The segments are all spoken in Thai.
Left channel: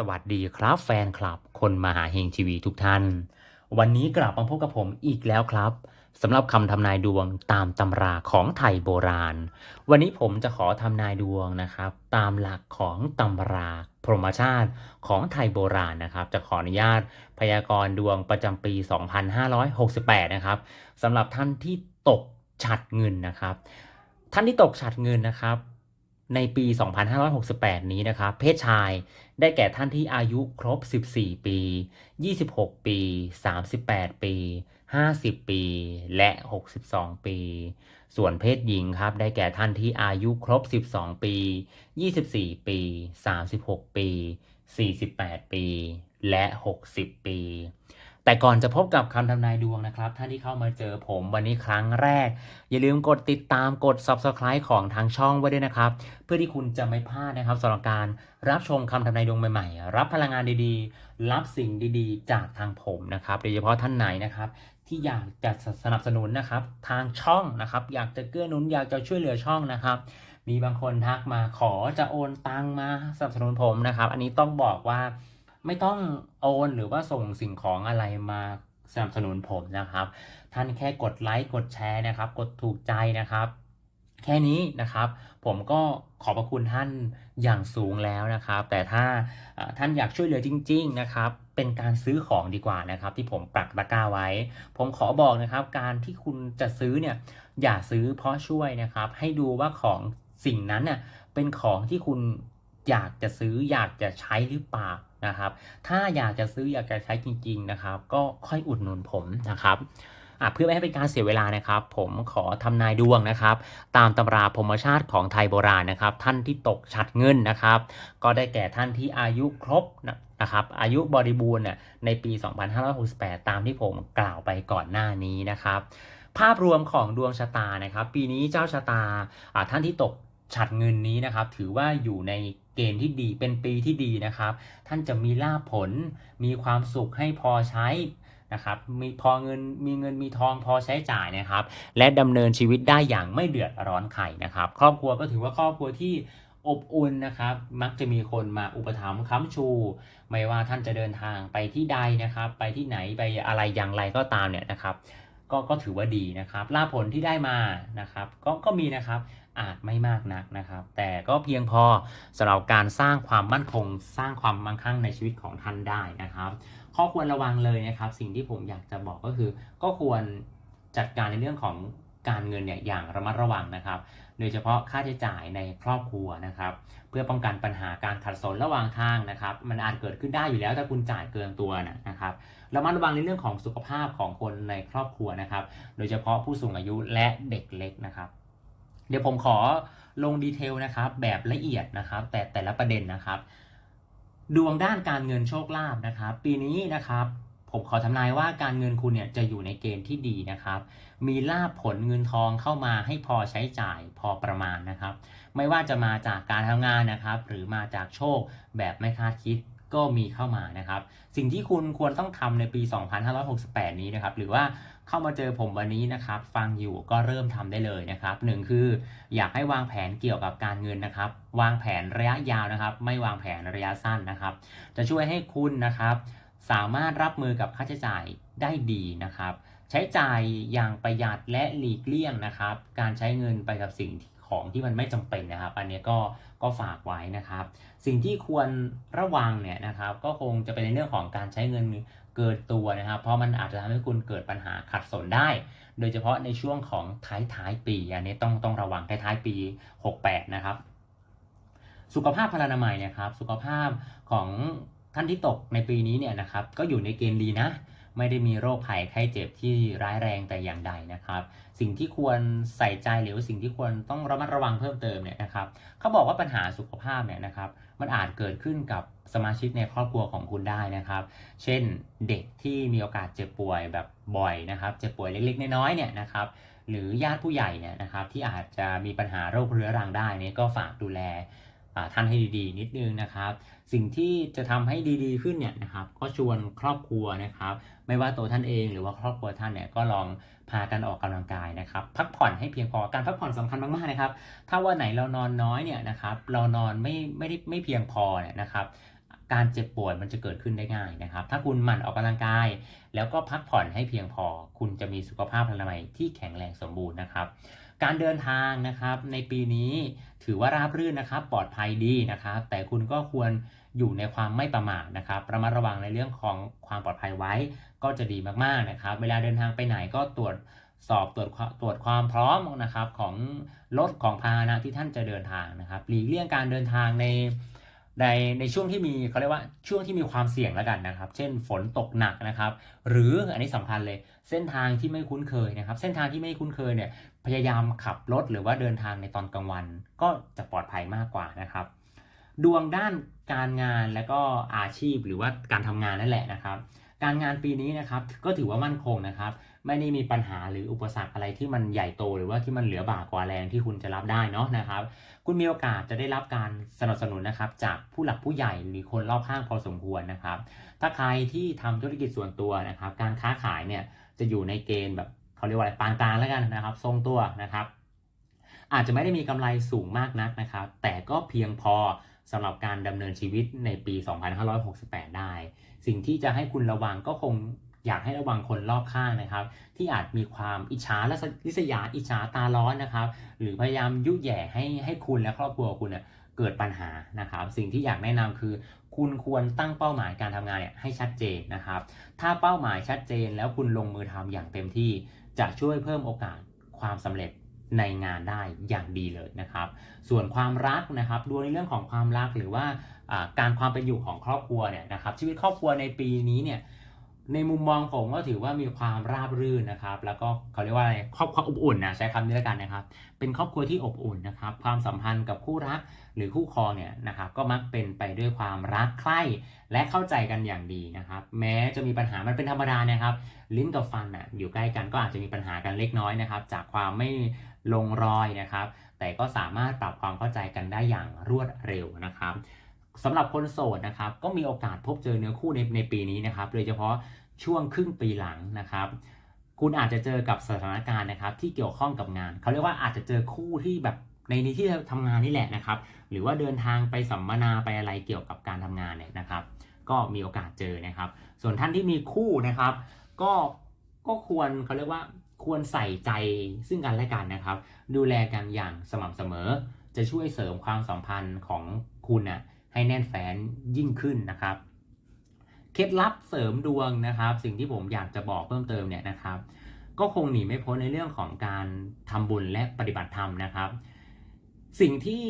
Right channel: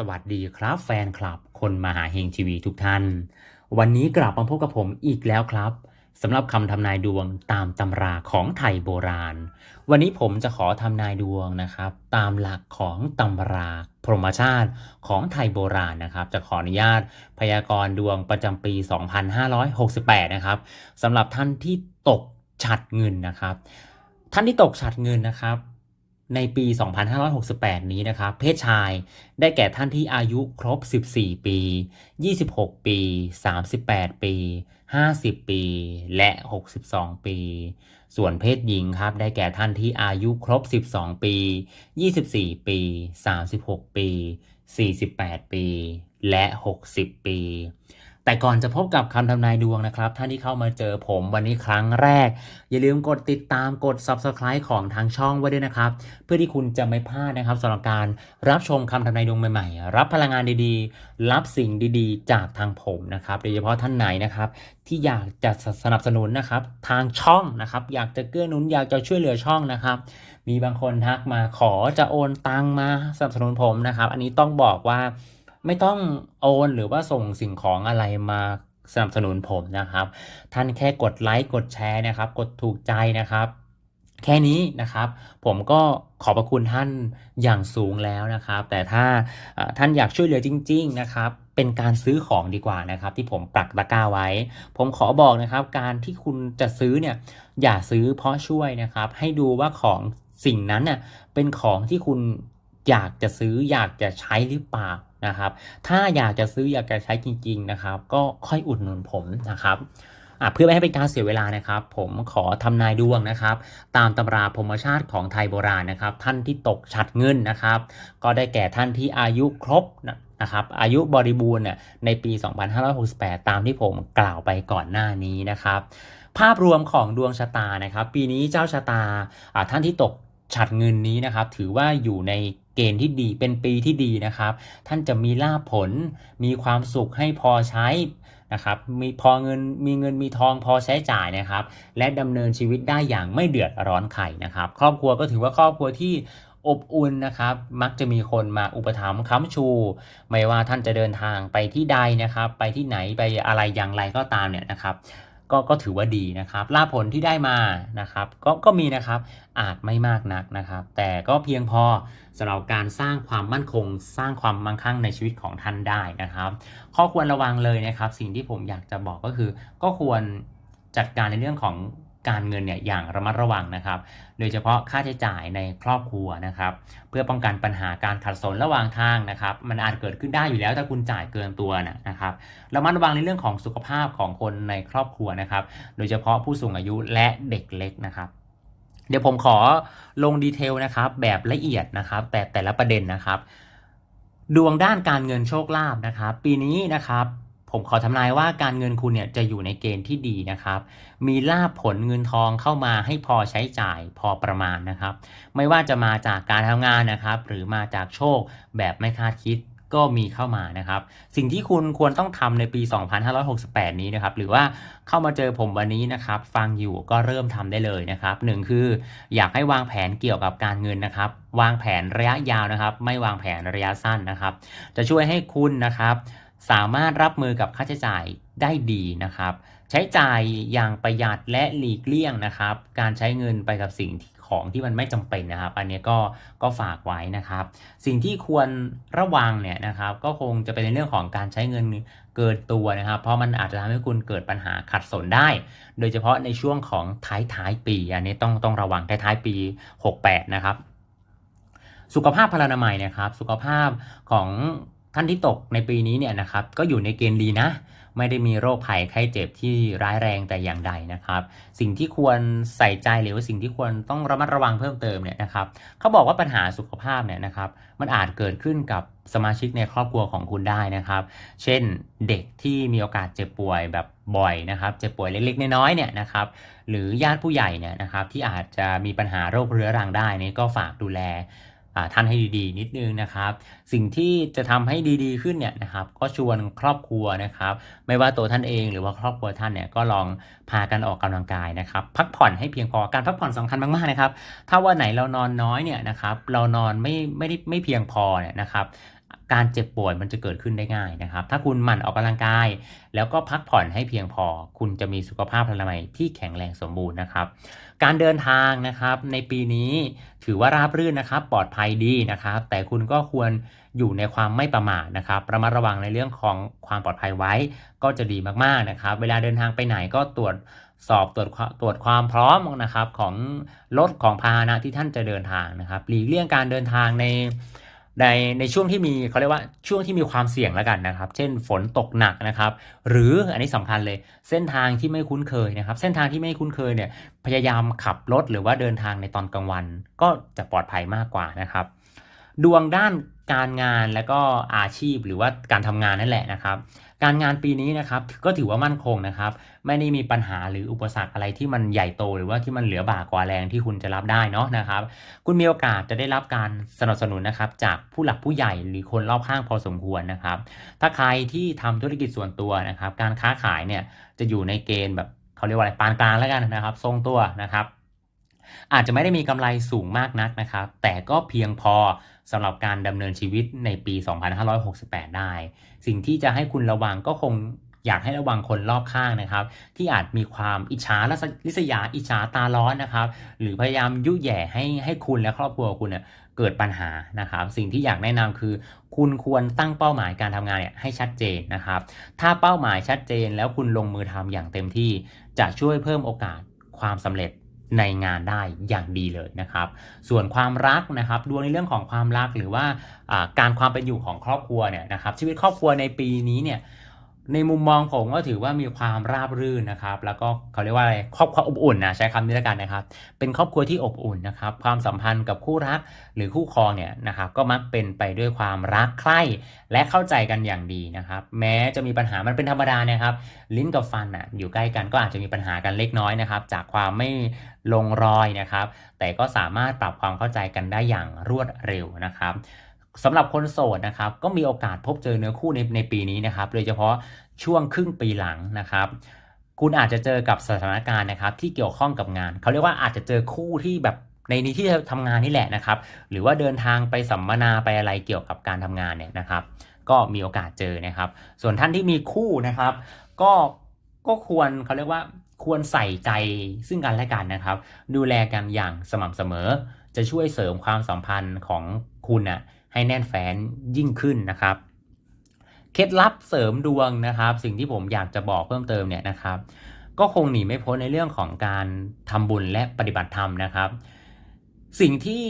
สวัสดีครับแฟนคลับ คนมหาเฮงทีวีทุกท่าน วันนี้กลับมาพบกับผมอีกแล้วครับสำหรับคำทำนายดวงตามตำราของไทยโบราณ วันนี้ผมจะขอทำนายดวงนะครับ ตามหลักของตำราพรหมชาติของไทยโบราณนะครับ จะขออนุญาตพยากรณ์ดวงประจำปี 2568 นะครับสำหรับท่านที่ตกฉัดเงินนะครับ ท่านที่ตกฉัดเงินนะครับ ในปี 2568 นี้นะครับ เพศชายได้แก่ท่านที่อายุครบ 14 ปี 26 ปี 38 ปี 50 ปี และ 62 ปี ส่วนเพศหญิงครับ ได้แก่ท่านที่อายุครบ 12 ปี 24 ปี 36 ปี 48 ปี และ 60 ปี แต่ก่อนจะพบกับคำทำนายดวงนะครับ ท่านที่เข้ามาเจอผมวันนี้ครั้งแรก อย่าลืมกดติดตามกด Subscribe ของทางช่องไว้ด้วยนะครับ เพื่อที่คุณจะไม่พลาดนะครับสำหรับการรับชมคำทำนายดวงใหม่ๆ รับพลังงานดีๆ รับสิ่งดีๆ จากทางผมนะครับโดยเฉพาะท่านไหนนะครับที่อยากจะสนับสนุนนะครับทางช่องนะครับ อยากจะเกื้อหนุนอยากจะช่วยเหลือช่องนะครับมีบางคนทักมาขอจะโอนตังมาสนับสนุนผมนะครับ อันนี้ต้องบอกว่า ไม่ต้องโอนหรือว่าส่งสิ่งของอะไรมาสนับสนุนผมนะครับ ท่านแค่กดไลค์กดแชร์นะครับ กดถูกใจนะครับ แค่นี้นะครับ ผมก็ขอบพระคุณท่านอย่างสูงแล้วนะครับ แต่ถ้าท่านอยากช่วยเหลือจริง ๆนะครับ เป็นการซื้อของดีกว่านะครับ ที่ผมปักตะกร้าไว้ ผมขอบอกนะครับ การที่คุณจะซื้อเนี่ยอย่าซื้อเพราะช่วยนะครับ ให้ดูว่าของสิ่งนั้นเนี่ยเป็นของที่คุณอยากจะซื้ออยากจะใช้หรือเปล่า นะครับ ถ้าอยากจะซื้ออยากจะใช้จริง ๆนะครับ ก็ค่อยอุดหนุนผมนะครับอะเพื่อไม่ให้เป็นการเสียเวลานะครับ ผมขอทำนายดวงนะครับ ตามตำราพรมชาติของไทยโบราณนะครับ ท่านที่ตกฉัดเงินนะครับ ก็ได้แก่ท่านที่อายุครบนะครับ อายุบริบูรณ์เนี่ยในปี 2568 ตามที่ผมกล่าวไปก่อนหน้านี้นะครับ ภาพรวมของดวงชะตานะครับ ปีนี้เจ้าชะตาอาท่านที่ตก ฉัดเงินนี้นะครับ ถือว่าอยู่ในเกณฑ์ที่ดีเป็นปีที่ดีนะครับ ท่านจะมีลาภผล มีความสุขให้พอใช้นะครับมีพอเงินมีเงินมีทองพอใช้จ่ายนะครับ และดำเนินชีวิตได้อย่างไม่เดือดร้อนใครนะครับ ครอบครัวก็ถือว่าครอบครัวที่อบอุ่นนะครับ มักจะมีคนมาอุปถัมภ์ค้ำชู ไม่ว่าท่านจะเดินทางไปที่ใดนะครับ ไปที่ไหนไปอะไรอย่างไรก็ตามเนี่ยนะครับ ก็ก็ถือว่าดีนะครับลาผลที่ได้มานะครับ ก็ก็มีนะครับอาจไม่มากนักนะครับ แต่ก็เพียงพอสำหรับการสร้างความมั่นคง สร้างความมั่งคั่งในชีวิตของท่านได้นะครับ ข้อควรระวังเลยนะครับ สิ่งที่ผมอยากจะบอกก็คือ ก็ควรจัดการในเรื่องของ การเงินเนี่ยอย่างระมัดระวังนะครับ โดยเฉพาะค่าใช้จ่ายในครอบครัวนะครับ เพื่อป้องกันปัญหาการขัดสนระหว่างทางนะครับ มันอาจเกิดขึ้นได้อยู่แล้วถ้าคุณจ่ายเกินตัวนะครับระมัดระวังในเรื่องของสุขภาพของคนในครอบครัวนะครับ โดยเฉพาะผู้สูงอายุและเด็กเล็กนะครับเดี๋ยวผมขอลงดีเทลนะครับแบบละเอียดนะครับ แต่แต่ละประเด็นนะครับ ดวงด้านการเงินโชคลาภนะครับ ปีนี้นะครับ ผมขอทำนายว่าการเงินคุณเนี่ยจะอยู่ในเกณฑ์ที่ดีนะครับ มีลาภผลเงินทองเข้ามาให้พอใช้จ่ายพอประมาณนะครับ ไม่ว่าจะมาจากการทำงานนะครับ หรือมาจากโชคแบบไม่คาดคิดก็มีเข้ามานะครับ สิ่งที่คุณควรต้องทำในปี 2568 นี้นะครับ หรือว่าเข้ามาเจอผมวันนี้นะครับ ฟังอยู่ก็เริ่มทำได้เลยนะครับหนึ่งคืออยากให้วางแผนเกี่ยวกับการเงินนะครับ วางแผนระยะยาวนะครับ ไม่วางแผนระยะสั้นนะครับ จะช่วยให้คุณนะครับ สามารถรับมือกับค่าใช้จ่าย ได้ดีนะครับ ใช้จ่ายอย่างประหยัดและหลีกเลี่ยงนะครับ การใช้เงินไปกับสิ่งของที่มันไม่จำเป็นนะครับ อันนี้ก็ก็ฝากไว้นะครับ สิ่งที่ควรระวังเนี่ยนะครับ ก็คงจะเป็นในเรื่องของการใช้เงินเกินตัวนะครับ เพราะมันอาจจะทำให้คุณเกิดปัญหาขัดสนได้ โดยเฉพาะในช่วงของท้ายท้ายปี อันนี้ต้องต้องระวังท้ายท้ายปี 68 นะครับ สุขภาพพลานามัยนะครับ สุขภาพของท่านที่ตกในปีนี้เนี่ยนะครับ ก็อยู่ในเกณฑ์ดีนะ ไม่ได้มีโรคภัยไข้เจ็บที่ร้ายแรงแต่อย่างใดนะครับ สิ่งที่ควรใส่ใจหรือว่าสิ่งที่ควรต้องระมัดระวังเพิ่มเติมเนี่ยนะครับเขาบอกว่าปัญหาสุขภาพเนี่ยนะครับ มันอาจเกิดขึ้นกับสมาชิกในครอบครัวของคุณได้นะครับ เช่นเด็กที่มีโอกาสเจ็บป่วยแบบบ่อยนะครับ เจ็บป่วยเล็กๆ น้อยๆเนี่ยนะครับ หรือญาติผู้ใหญ่เนี่ยนะครับที่อาจจะมีปัญหาโรคเรื้อรังได้นี่ก็ฝากดูแล ท่านให้ดีๆ นิดนึงนะครับ สิ่งที่จะทำให้ดีๆขึ้นเนี่ยนะครับ ก็ชวนครอบครัวนะครับ ไม่ว่าตัวท่านเองหรือว่าครอบครัวท่านเนี่ยก็ลองพากันออกกำลังกายนะครับ พักผ่อนให้เพียงพอการพักผ่อนสำคัญมากๆนะครับ ถ้าวันไหนเรานอนน้อยเนี่ยนะครับ เรานอนไม่ไม่ได้ไม่เพียงพอเนี่ยนะครับการเจ็บป่วยมันจะเกิดขึ้นได้ง่ายนะครับ ถ้าคุณหมั่นออกกำลังกาย แล้วก็พักผ่อนให้เพียงพอ คุณจะมีสุขภาพพลามัยที่แข็งแรงสมบูรณ์นะครับ การเดินทางนะครับในปีนี้ถือว่าราบรื่นนะครับ ปลอดภัยดีนะครับ แต่คุณก็ควรอยู่ในความไม่ประมาทนะครับระมัดระวังในเรื่องของความปลอดภัยไว้ก็จะดีมากๆนะครับ เวลาเดินทางไปไหนก็ตรวจสอบตรวจตรวจความพร้อมนะครับของรถของพาหนะที่ท่านจะเดินทางนะครับหลีกเลี่ยงการเดินทางใน ในในช่วงที่มีเขาเรียกว่าช่วงที่มีความเสี่ยงแล้วกันนะครับ เช่นฝนตกหนักนะครับ หรืออันนี้สำคัญเลยเส้นทางที่ไม่คุ้นเคยนะครับ เส้นทางที่ไม่คุ้นเคยเนี่ยพยายามขับรถหรือว่าเดินทางในตอนกลางวัน ก็จะปลอดภัยมากกว่านะครับ ดวงด้านการงานและก็อาชีพหรือว่าการทำงานนั่นแหละนะครับ การงานปีนี้นะครับก็ถือว่ามั่นคงนะครับ ไม่ได้มีปัญหาหรืออุปสรรคอะไรที่มันใหญ่โต หรือว่าที่มันเหลือบ่ากว่าแรงที่คุณจะรับได้เนาะนะครับ คุณมีโอกาสจะได้รับการสนับสนุนนะครับจากผู้หลักผู้ใหญ่หรือคนรอบข้างพอสมควรนะครับ ถ้าใครที่ทำธุรกิจส่วนตัวนะครับ การค้าขายเนี่ยจะอยู่ในเกณฑ์แบบเขาเรียกว่าอะไรปานกลางแล้วกันนะครับ ทรงตัวนะครับอาจจะไม่ได้มีกำไรสูงมากนักนะครับ แต่ก็เพียงพอ สำหรับการดำเนินชีวิตในปี 2568 ได้ สิ่งที่จะให้คุณระวังก็คงอยากให้ระวังคนรอบข้างนะครับ ที่อาจมีความอิจฉาและริษยาอิจฉาตาร้อนนะครับ หรือพยายามยุแย่ให้ให้คุณและครอบครัวคุณเนี่ยเกิดปัญหานะครับ สิ่งที่อยากแนะนำคือ คุณควรตั้งเป้าหมายการทำงานเนี่ยให้ชัดเจนนะครับ ถ้าเป้าหมายชัดเจนแล้วคุณลงมือทำอย่างเต็มที่ จะช่วยเพิ่มโอกาสความสำเร็จ ในงานได้อย่างดีเลยนะครับ ส่วนความรักนะครับดวงในเรื่องของความรักหรือว่าการความเป็นอยู่ของครอบครัวเนี่ยนะครับชีวิตครอบครัวในปีนี้เนี่ย ในมุมมองผมก็ถือว่ามีความราบรื่นนะครับ แล้วก็เขาเรียกว่าอะไรครอบครัวอบอุ่นนะใช้คำนี้แล้วกันนะครับ เป็นครอบครัวที่อบอุ่นนะครับ ความสัมพันธ์กับคู่รักหรือคู่ครองเนี่ยนะครับก็มักเป็นไปด้วยความรักใคร่และเข้าใจกันอย่างดีนะครับ แม้จะมีปัญหามันเป็นธรรมดานะครับ ลิ้นกับฟันอะอยู่ใกล้กันก็อาจจะมีปัญหากันเล็กน้อยนะครับ จากความไม่ลงรอยนะครับ แต่ก็สามารถปรับความเข้าใจกันได้อย่างรวดเร็วนะครับ สำหรับคนโสดนะครับก็มีโอกาสพบเจอเนื้อคู่ในในปีนี้นะครับโดยเฉพาะช่วงครึ่งปีหลังนะครับคุณอาจจะเจอกับสถานการณ์นะครับที่เกี่ยวข้องกับงาน เขาเรียกว่าอาจจะเจอคู่ที่แบบในนี้ที่ทำงานนี่แหละนะครับ หรือว่าเดินทางไปสัมมนาไปอะไรเกี่ยวกับการทำงานเนี่ยนะครับ ก็มีโอกาสเจอนะครับ ส่วนท่านที่มีคู่นะครับ ก็ก็ควรเขาเรียกว่าควรใส่ใจซึ่งกันและกันนะครับ ดูแลกันอย่างสม่ำเสมอ จะช่วยเสริมความสัมพันธ์ของคุณนะ่ะ ให้แน่นแฟ้นยิ่งขึ้นนะครับ เคล็ดลับเสริมดวงนะครับ สิ่งที่ผมอยากจะบอกเพิ่มเติมเนี่ยนะครับ ก็คงหนีไม่พ้นในเรื่องของการทำบุญและปฏิบัติธรรมนะครับ สิ่งที่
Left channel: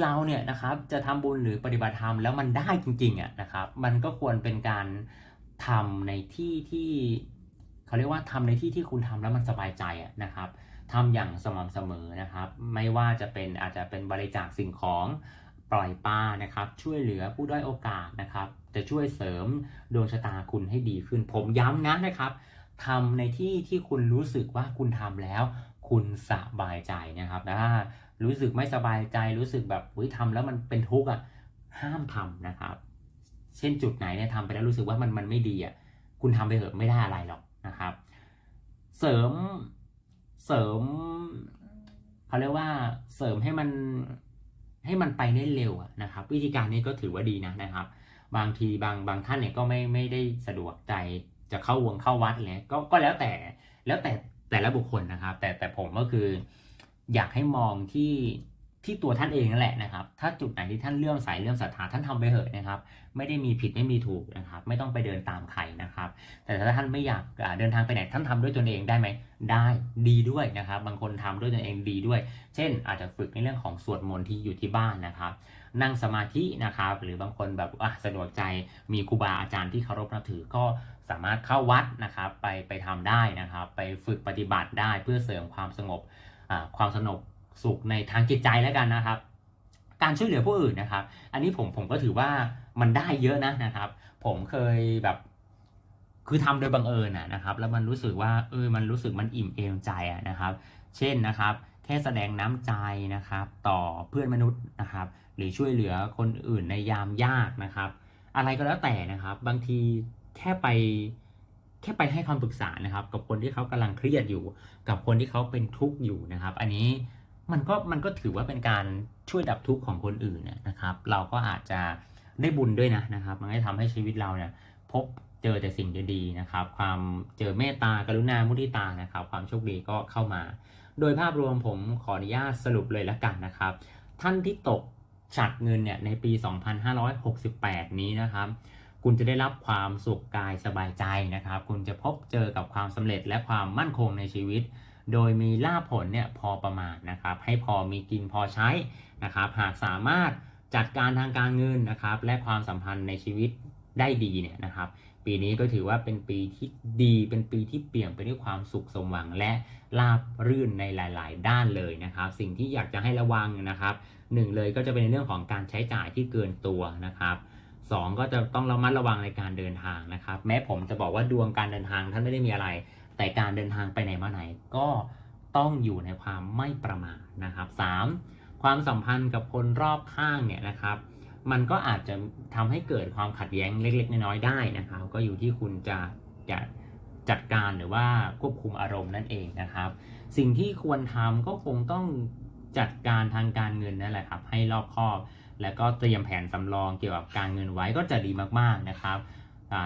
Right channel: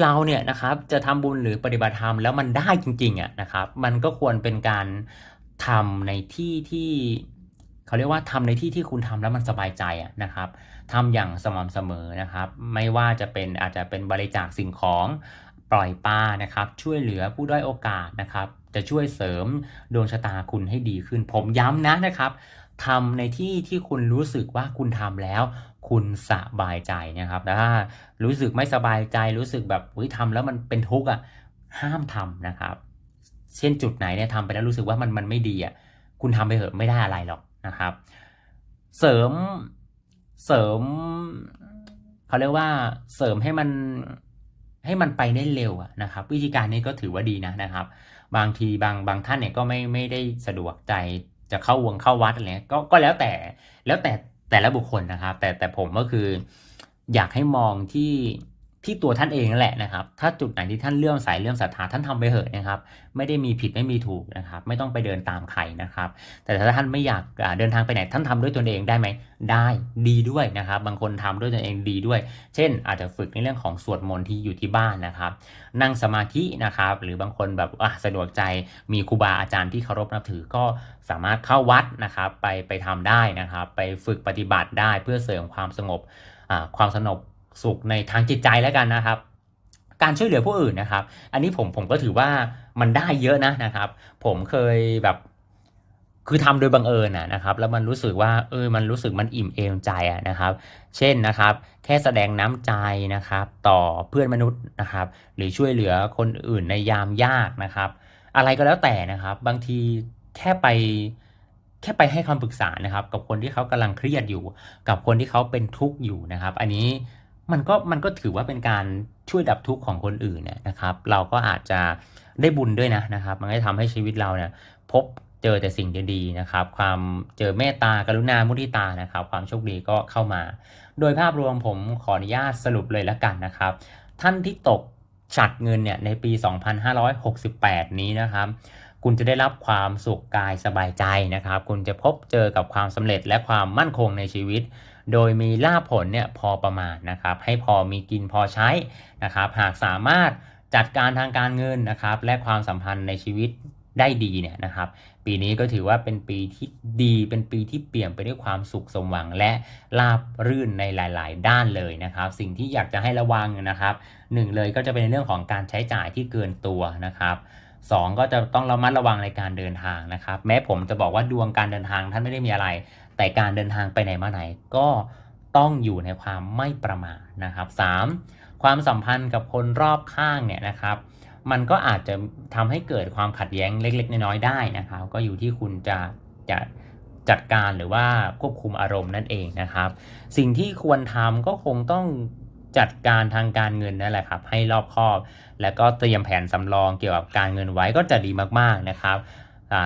เราเนี่ยนะครับจะทำบุญหรือปฏิบัติธรรมแล้วมันได้จริงๆอะนะครับ มันก็ควรเป็นการทำในที่ที่เขาเรียกว่าทำในที่ที่คุณทำแล้วมันสบายใจอะนะครับทำอย่างสม่ำเสมอนะครับ ไม่ว่าจะเป็นอาจจะเป็นบริจาคสิ่งของ ปล่อยปลานะครับช่วยเหลือผู้ด้อยโอกาสนะครับ จะช่วยเสริมดวงชะตาคุณให้ดีขึ้น ผมย้ำนะนะครับทำในที่ที่คุณรู้สึกว่าคุณทำแล้ว คุณสบายใจนะครับถ้ารู้สึกไม่สบายใจรู้สึกแบบเฮ้ยทำแล้วมันเป็นทุกข์อะห้ามทำนะครับ เช่นจุดไหนเนี่ยทำไปแล้วรู้สึกว่ามันมันไม่ดีอะคุณทำไปเถอะไม่ได้อะไรหรอกนะครับ เสริมเสริมเขาเรียกว่าเสริมให้มัน ให้มันไปได้เร็วนะครับ วิธีการนี้ก็ถือว่าดีนะนะครับ บางทีบางบางท่านเนี่ยก็ไม่ไม่ได้สะดวกใจจะเข้าวงเข้าวัดอะไรก็ก็แล้วแต่แล้วแต่แต่ละบุคคลนะครับ แต่แต่ผมก็คืออยากให้มองที่ ที่ตัวท่านเองนั่นแหละนะครับ ถ้าจุดไหนที่ท่านเลื่อมใสเลื่อมศรัทธาท่านทำไปเถอะนะครับ ไม่ได้มีผิดไม่มีถูกนะครับ ไม่ต้องไปเดินตามใครนะครับ แต่ถ้าท่านไม่อยากเดินทางไปไหนท่านทำด้วยตนเองได้ไหมได้ดีด้วยนะครับ บางคนทำด้วยตนเองดีด้วย เช่น อาจจะฝึกในเรื่องของสวดมนต์ที่อยู่ที่บ้านนะครับ นั่งสมาธินะครับ หรือบางคนแบบสะดวกใจมีครูบาอาจารย์ที่เคารพนับถือก็สามารถเข้าวัดนะครับ ไปไปทำได้นะครับ ไปฝึกปฏิบัติได้เพื่อเสริมความสงบความสงบ สุขในทางจิตใจแล้วกันนะครับ การช่วยเหลือผู้อื่นนะครับ อันนี้ผมผมก็ถือว่ามันได้เยอะนะนะครับ ผมเคยแบบคือทำโดยบังเอิญนะครับ แล้วมันรู้สึกว่าเออมันรู้สึกมันอิ่มเอมใจอะนะครับ เช่นนะครับ แค่แสดงน้ำใจนะครับ ต่อเพื่อนมนุษย์นะครับ หรือช่วยเหลือคนอื่นในยามยากนะครับ อะไรก็แล้วแต่นะครับ บางทีแค่ไปแค่ไปให้คำปรึกษานะครับ กับคนที่เขากำลังเครียดอยู่ กับคนที่เขาเป็นทุกข์อยู่นะครับ อันนี้ มันก็มันก็ถือว่าเป็นการช่วยดับทุกข์ของคนอื่นนะครับ เราก็อาจจะได้บุญด้วยนะนะครับ มันก็จะทำให้ชีวิตเราเนี่ยพบเจอแต่สิ่งดีๆนะครับ ความเจอเมตตากรุณามุทิตานะครับ ความโชคดีก็เข้ามา โดยภาพรวมผมขออนุญาตสรุปเลยล้วกันนะครับ ท่านที่ตกฉัดเงินเนี่ยในปี 2568 นี้นะครับ คุณจะได้รับความสุขกายสบายใจนะครับ คุณจะพบเจอกับความสำเร็จและความมั่นคงในชีวิต โดยมีลาผลเนี่ยพอประมาณนะครับให้พอมีกินพอใช้นะครับหากสามารถจัดการทางการเงินนะครับและความสัมพันธ์ในชีวิตได้ดีเนี่ยนะครับ ปีนี้ก็ถือว่าเป็นปีที่ดีเป็นปีที่เปี่ยมไปด้วยความสุขสมหวังและราบรื่นในหลาย ๆ ด้านเลยนะครับ สิ่งที่อยากจะให้ระวังนะครับหนึ่งเลยก็จะเป็นในเรื่องของการใช้จ่ายที่เกินตัวนะครับสองก็จะต้องระมัดระวังในการเดินทางนะครับ แม้ผมจะบอกว่าดวงการเดินทางท่านไม่ได้มีอะไร แต่การเดินทางไปไหนมาไหนก็ต้องอยู่ในความไม่ประมาทนะครับสามความสัมพันธ์กับคนรอบข้างเนี่ยนะครับ มันก็อาจจะทำให้เกิดความขัดแย้งเล็ก ๆ น้อยๆได้นะครับ ก็อยู่ที่คุณจะจะจัดการหรือว่าควบคุมอารมณ์นั่นเองนะครับ สิ่งที่ควรทำก็คงต้องจัดการทางการเงินนั่นแหละครับให้รอบคอบ แล้วก็เตรียมแผนสำรองเกี่ยวกับการเงินไว้ก็จะดีมากๆนะครับ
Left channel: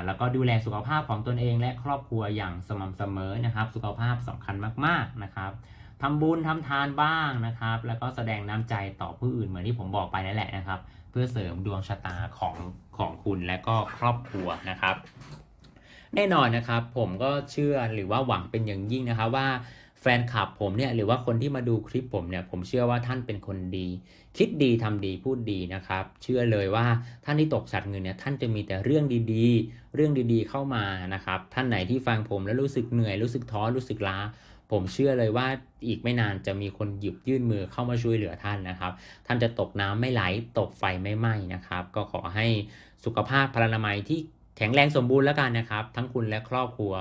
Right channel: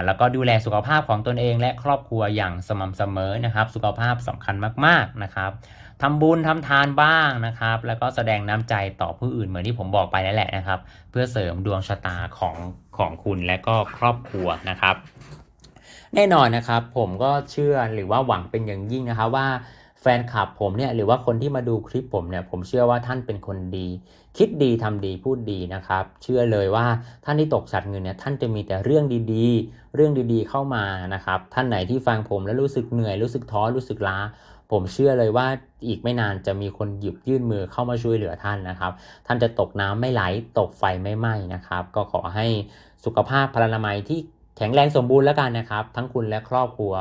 แล้วก็ดูแลสุขภาพของตนเองและครอบครัวอย่างสม่ำเสมอนะครับ สุขภาพสำคัญมากๆนะครับทำบุญทำทานบ้างนะครับ แล้วก็แสดงน้ำใจต่อผู้อื่นเหมือนที่ผมบอกไปนั่นแหละนะครับ เพื่อเสริมดวงชะตาของของคุณและก็ครอบครัวนะครับ แน่นอนนะครับผมก็เชื่อหรือว่าหวังเป็นอย่างยิ่งนะครับว่าแฟนคลับผมเนี่ยหรือว่าคนที่มาดูคลิปผมเนี่ยผมเชื่อว่าท่านเป็นคนดี คิดดีทำดีพูดดีนะครับ เชื่อเลยว่าท่านที่ตกสัตว์เงินเนี่ยท่านจะมีแต่เรื่องดีๆ เรื่องดีๆเข้ามานะครับ ท่านไหนที่ฟังผมแล้วรู้สึกเหนื่อยรู้สึกท้อรู้สึกล้า ผมเชื่อเลยว่าอีกไม่นานจะมีคนหยิบยื่นมือเข้ามาช่วยเหลือท่านนะครับ ท่านจะตกน้ำไม่ไหลตกไฟไม่ไหม้นะครับ ก็ขอให้สุขภาพพลานามัยที่แข็งแรงสมบูรณ์แล้วกันนะครับ ทั้งคุณและครอบครัว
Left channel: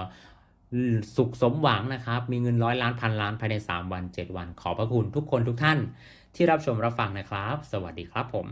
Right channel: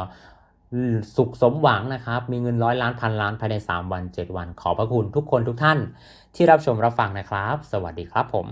สุขสมหวังนะครับ มีเงินร้อยล้านพันล้านภายใน 3 วัน 7 วัน ขอพระคุณทุกคนทุกท่าน ที่รับชมรับฟังนะครับ สวัสดีครับผม